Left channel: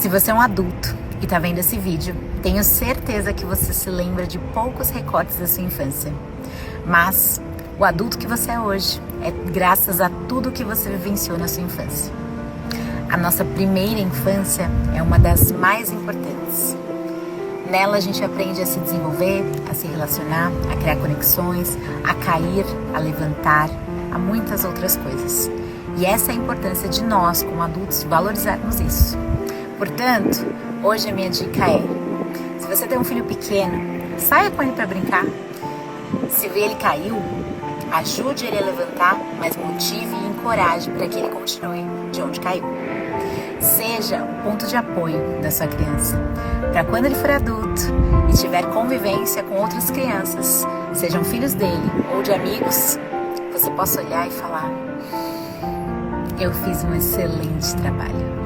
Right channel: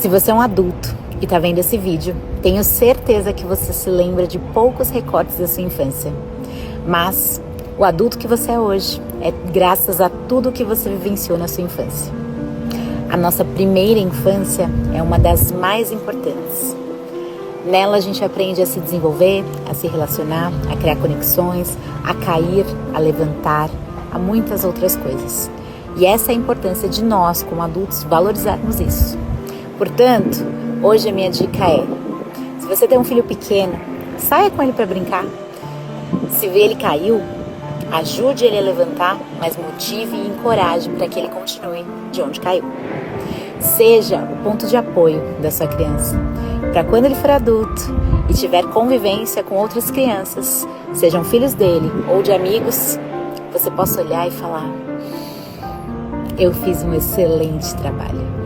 Se você é um adulto e está vendo esse vídeo, tenho certeza que você se lembra de poucos recortes da sua infância. Mas o adulto que você é hoje é graças a tudo que você vivenciou na sua infância. A nossa primeira infância é uma das mais importantes. Nela a gente aprende a se desenvolver, a se relacionar, a criar conexões, a cair, a levantar, a muitas outras coisas. E essa é a importância de nós, como adultos, valorizarmos isso. Portanto, hoje a minha dica é, se você tem um filho pequeno, saia com ele para brincar. Se vê ele caiu, ajude ele a levantar, mas motive e encoraje para que ele continue de onde caiu. Seja o ponto de apoio da sua criança, para quando ele for adulto e tiver convivência com outras crianças, sejam filhos dele ou de amigos, você possa olhar e falar: eu fiz um excelente trabalho.